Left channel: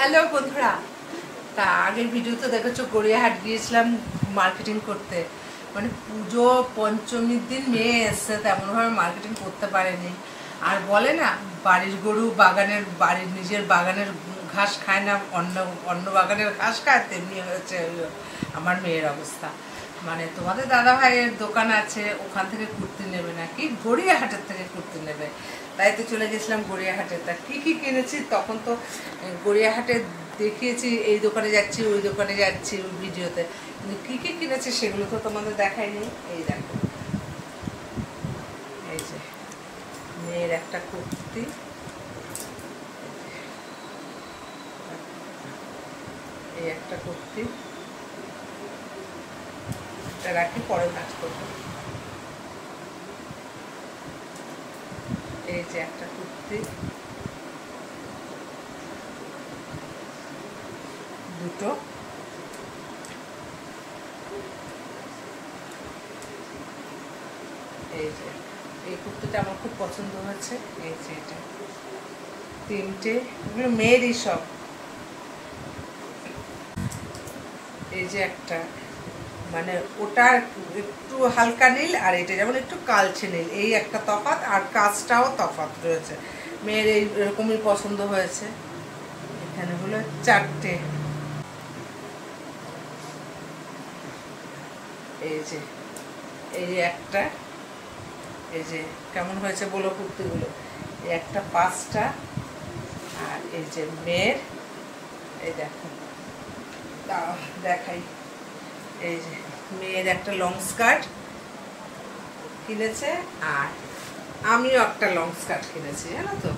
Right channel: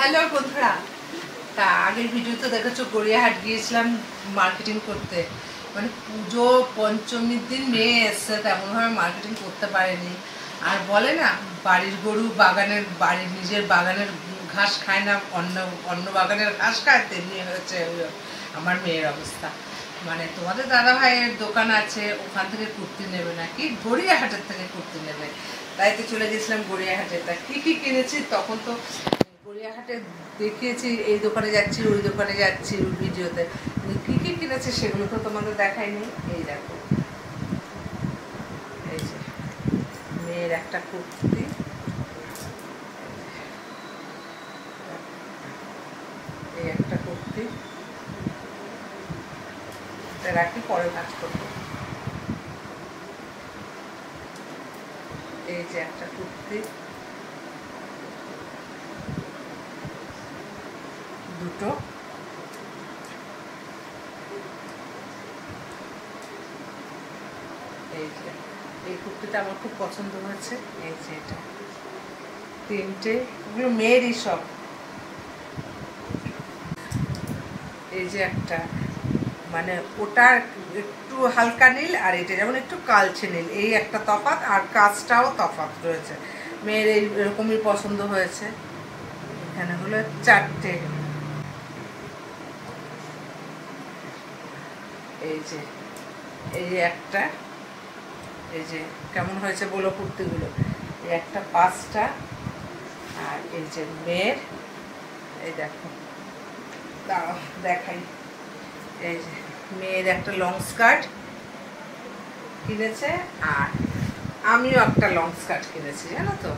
Hello বন্ধুরা, তা আগের ভিডিওতে দেখেছো গড়িয়াহাট গিয়েছিলাম মার্কেটিং করতে। মানে পুজো পঞ্চমীর দিন মেয়ে এসছে, তেমনভাবে মার্কেটিং করতে পারেনি। আর বলে না, বাড়ির গরু বাড়ির নিজের বাগানের ঘাস খায় না, অন্য অন্য বাগানের ঘাস খায়, তেমনি হয়েছে আমার মেয়ের অবস্থা। মানে তোমাদের দাদা ভাইয়ের দোকান আছে, ওখান থেকে কুর্তি নেবে নাকি গড়িয়াহাটের থেকে কুর্তি নেবে, তাই তো চলে গেছিলাম গড়িয়াহাটে। তা কী কী কিনেছি তখন তো গড়িয়াহাটে দেখিয়েছি, এই দোকানে যাচ্ছি ওই দোকানে যাচ্ছি ভিডিওতে, কিন্তু কী কী কিনেছি সেগুলো তো তোমাদের দেখাইনি। এই দেখো, এই যে মেয়ের একটা কুর্তি, এই একটা কুর্তি, এটা রাখি পরে কাজ করবো। এই যে একটা কুর্তি, দুটো, এই যে এই কুর্তিটা আমার খুব পছন্দ হয়েছে। এই যে এটা তিনটে, এগুলো মেয়েরই সব। এই যে একটা, মানে ওটা একটু হালকা নীল আর এটা যেমন একটু কালচে নীল, এই একটা তফাৎ, আর কাজটাও তফাৎ রয়েছে। মেয়ের এরকমই পছন্দ হয়েছে। এখানে হলো চারটে। এই যে একটা, এই যে কেমন হয়েছে বলো কুর্তিগুলো। এই একটা পাঁচটা, আর এই যে মেয়ের, এই দেখো দাঁড়াও দেখাই। এই যে মেয়ের একটা লং স্কার্ট কিনেছে, আর আমিও একটা লং স্কার্ট কিনেছি, জানো তো।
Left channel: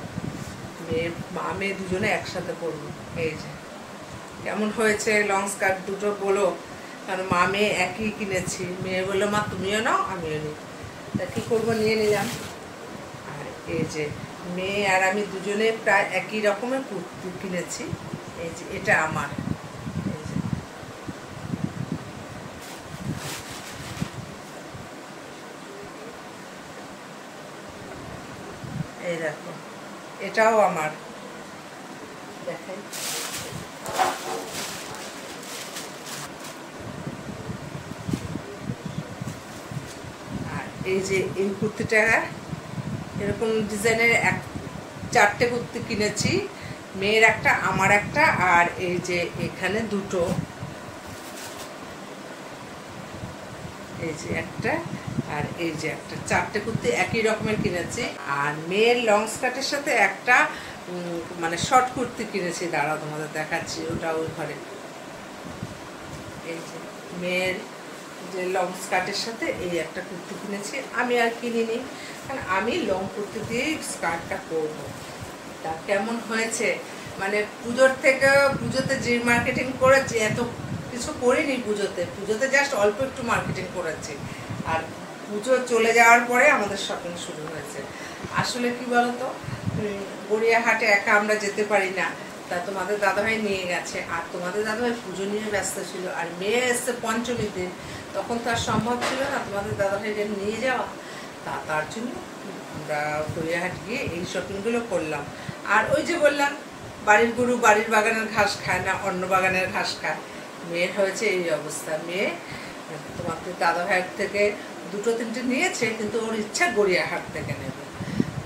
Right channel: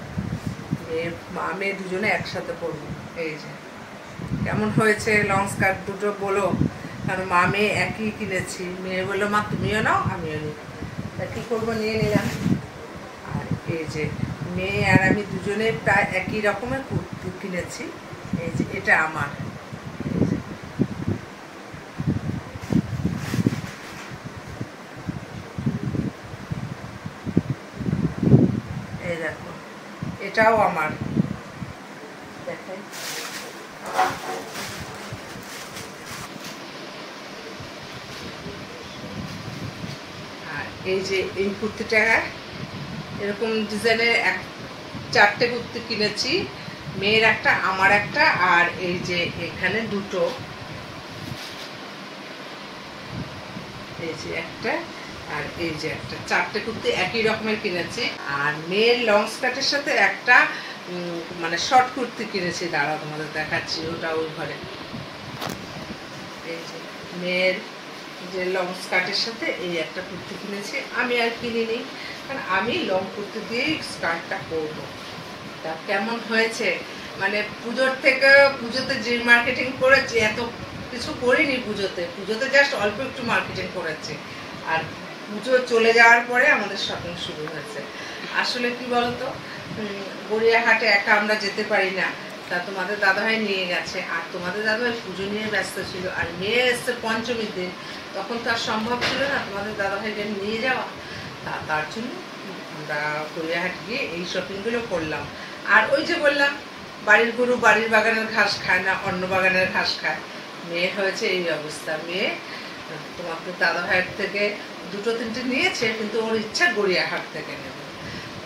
মেয়ে দুজনে একসাথে পরবো। এই যে কেমন হয়েছে লং স্কার্ট দুটো বলো, কারণ মা মেয়ে একই কিনেছি। মেয়ে বললো মা তুমিও নাও আমিও নিই, তা কী করবো, নিয়ে নিলাম। আর এই যে মেয়ে আর আমি দুজনে প্রায় একই রকমের কুর্তি কিনেছি। এই যে এটা আমার, এই দেখো এটাও আমার, দেখাই। আর এই যে এই কুর্তিটা এরকম ডিজাইনের চারটে কুর্তি কিনেছি, মেয়ের একটা আমার একটা, আর এই যে এখানে দুটো, এই যে একটা আর এই যে একটা, চারটে কুর্তি একই রকমের কিনেছি। আর মেয়ের লং স্কার্টের সাথে একটা মানে শর্ট কুর্তি কিনেছি, দাঁড়াও তোমাদের দেখাচ্ছি, ওটা ওই ঘরে। এই যে মেয়ের যে লং স্কার্টের সাথে এই একটা কুর্তি কিনেছি। আমি আর কিনিনি, কারণ আমি লং কুর্তি দিয়েই স্কার্টটা করবো। তা কেমন হয়েছে, মানে পুজোতে যে মার্কেটিং করেছি, এত কিছু করিনি পুজোতে জাস্ট অল্প একটু মার্কেটিং করেছি। আর পুজো চলে যাওয়ার পরে আমাদের শপিং শুরু হয়েছে। আসলে কি বলতো, গড়িয়াহাটে একা আমরা যেতে পারি না, তা তোমাদের দাদাভাই নিয়ে গেছে। আর তোমাদের দাদাভাই পুজো নিয়ে ব্যস্ত ছিল, আর মেয়ে এসছে পঞ্চমীর দিন, তখন তো আর সম্ভব ছিল না তোমাদের দাদাভাইকে নিয়ে যাওয়া। তার জন্য আমরা গড়িয়াহাট গিয়ে এই শপিংগুলো করলাম। আর ওই যে বললাম, বাড়ির গরু বাড়ির বাগানের ঘাস খায় না, অন্য বাগানের ঘাস খায়। মেয়ের হয়েছে এই অবস্থা। মেয়ে তোমাদের দাদা ভাইয়ের থেকে দুটো তিনটে নিয়েছে, কিন্তু ওর ইচ্ছা গড়িয়াহাট থেকে নেবে।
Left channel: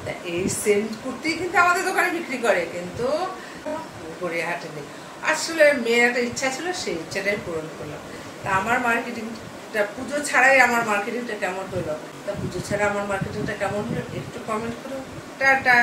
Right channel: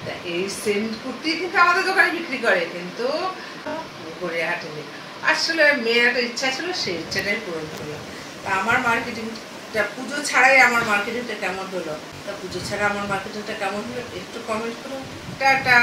তা এই সেম কুর্তি কিন্তু আমাদের দোকানে বিক্রি করে, কিন্তু গড়িয়াহাটে নেই। আসলে মেয়ের একটা ইচ্ছা ছিল, সেই ইচ্ছাটাই পূরণ করলাম। তা আমার মার্কেটিংটা পুজো ছাড়াই আমার মার্কেটিংটা কেমন হলো, তা পুজো ছাড়া আমার মার্কেটিংটা কেমন হলো একটু কমেন্ট করো। টাটা।